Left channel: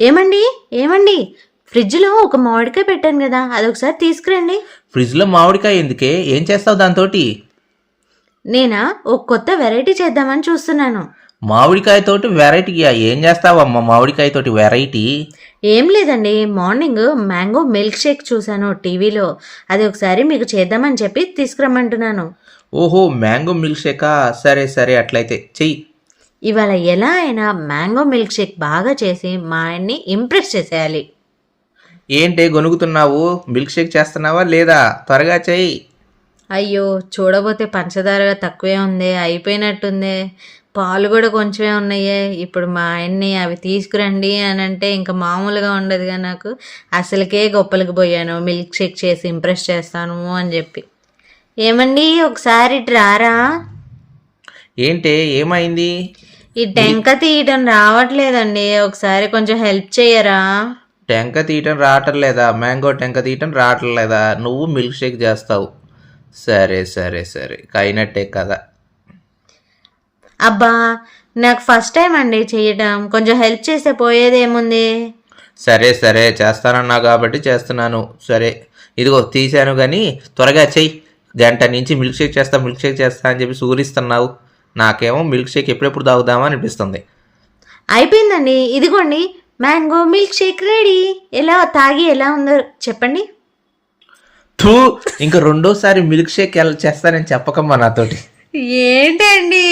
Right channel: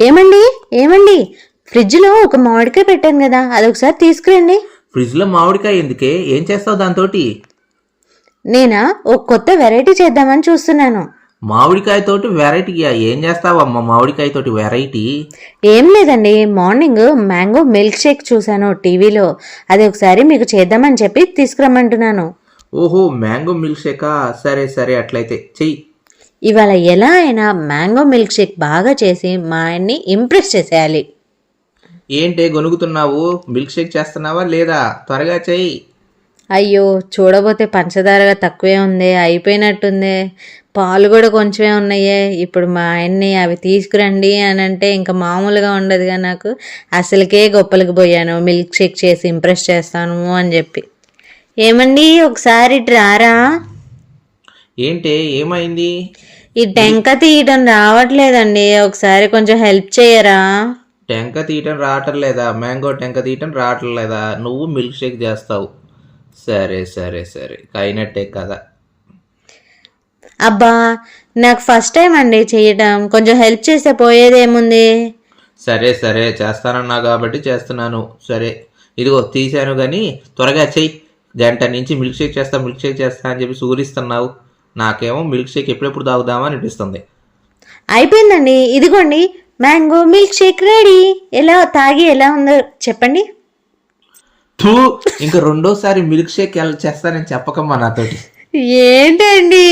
ఏమండి ఏమండి ఫ్రిడ్జ్లో ఒక మామిడికాయ పెట్టాను కదా అదొకసారి తీసుకురండి. ఫ్రిడ్జ్లో మామిడికాయ ఎందుకే? ఏం చేస్తావు దాంతోటి? నేనా ఒక కొత్త వెరైటీ చేద్దామని చూస్తున్నాను. మామిడికాయతోటి వెరైటీయా? ఏం చేస్తావమ్మా మామిడికాయతోటి వెరైటీ? ఏం లేదండి, మార్నింగ్ మ్యాంగో మిల్క్ షేక్ చూశాను టీవీలో. అది ఒకసారి మీకు చేద్దామని చెప్పి తీసుకురమ్మంటున్నాను. ఓహో, మ్యాంగో మిల్క్ షేకా? సరే సరే, అట్లయితే చెయ్యి. ఇవాళ ఎలా అయినా మ్యాంగో మిల్క్ షేక్ బాగా చేసి మా ఆయన్ని ఇంప్రెస్ చేసేయాలి. ఏంటే గొనుగుతున్నావు? మిల్క్ షేక్ చేస్తున్నావా లేదా? త్వరగా చెయ్యి. అయ్యో, చూడబోతే పంచదారగా తక్కువే ఉంది, అయిపోయినట్టుంది. పాలు కూడా కొంచెమే ఉన్నాయే. ఇప్పుడు మా ఆయన్ని అవి తీసుకురండి అని అంటే ఇంకా మామూలుగా ఉండదుగా నాకు. అసలుకే గొప్పలకి పోయాను మిల్క్ షేక్ చేసి ఇంప్రెస్ చేస్తాను అని చెప్పి. ఏమండి ఒకసారి రారా? ఏంటే ఏమైంది? ఈ టెంక తీయడం రావట్లేదండి, ఒకసారి కొంచెం హెల్ప్ చేయరా? టెంక తీయటం రావటం లేదా? మ్యాంగో టెంక తీయటం రావటం లేదా? నువ్వు మిల్క్ షేక్ చేస్తావు. సరే సరే సరే, అయినట్టే కదా. అబ్బా, నాకు ఫస్ట్ టైం అండి చేయడం, కొంచెం హెల్ప్ చేస్తే పోయేదేముంది. సరే సరే, చేస్తానన్నా కాబట్టి చేస్తున్నాను. సరే ఇదిగో తీశాను, కానీ త్వరగా చెయ్యి. గంట నుంచి మిల్క్ షేక్ చేస్తా అని చెప్పి సూరిస్తున్నావు. నాకేమో మిల్క్ షేక్ ఎప్పుడెప్పుడు తాగుదామా అనిపిస్తుంది. అయిపోయిందండి, ఇదిగోండి మ్యాంగో మిల్క్ షేక్ రెడీ. ఎలా తాగి ఎలా ఉందో చెప్పండి. టూ, ఇంకా రెండోసారి మిల్క్ షేక్ చేస్తానని చెప్పకమ్మా నాతోటి. ఏంటండి?